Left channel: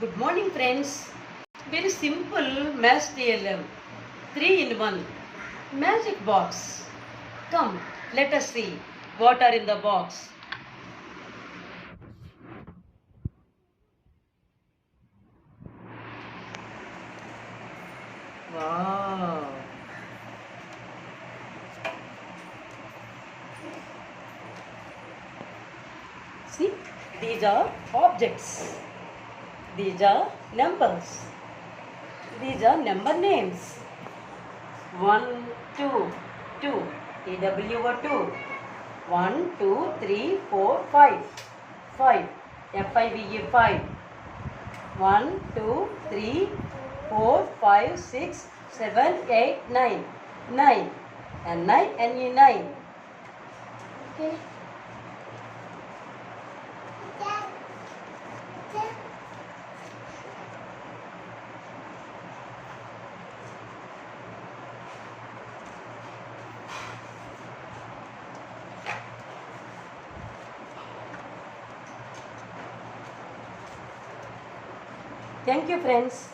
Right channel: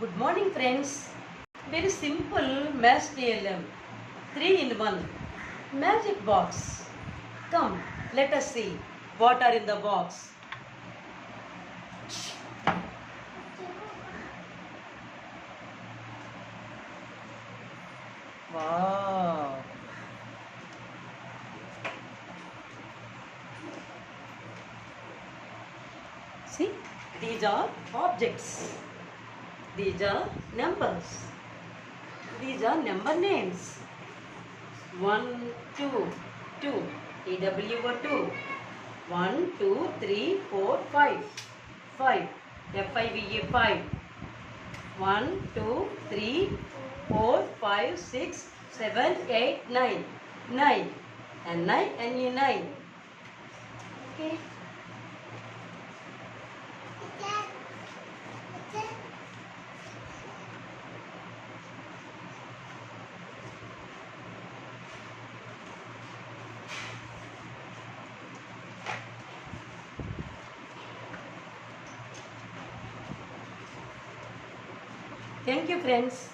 Good morning, friends. Very simple math TLM. 3 in 1. Magic box. Come, let us see what are in the box. Wow. See, these are objects. These are numbers. These are number names. 1, 2, 2. TWO 2. 1, 2, 3, 4, 5. 5. FIVE 5. 1, 2, 3, 4, 5, 6, 7, 8, 9. 9. And 9 and you 9. Okay. Thank you, friends.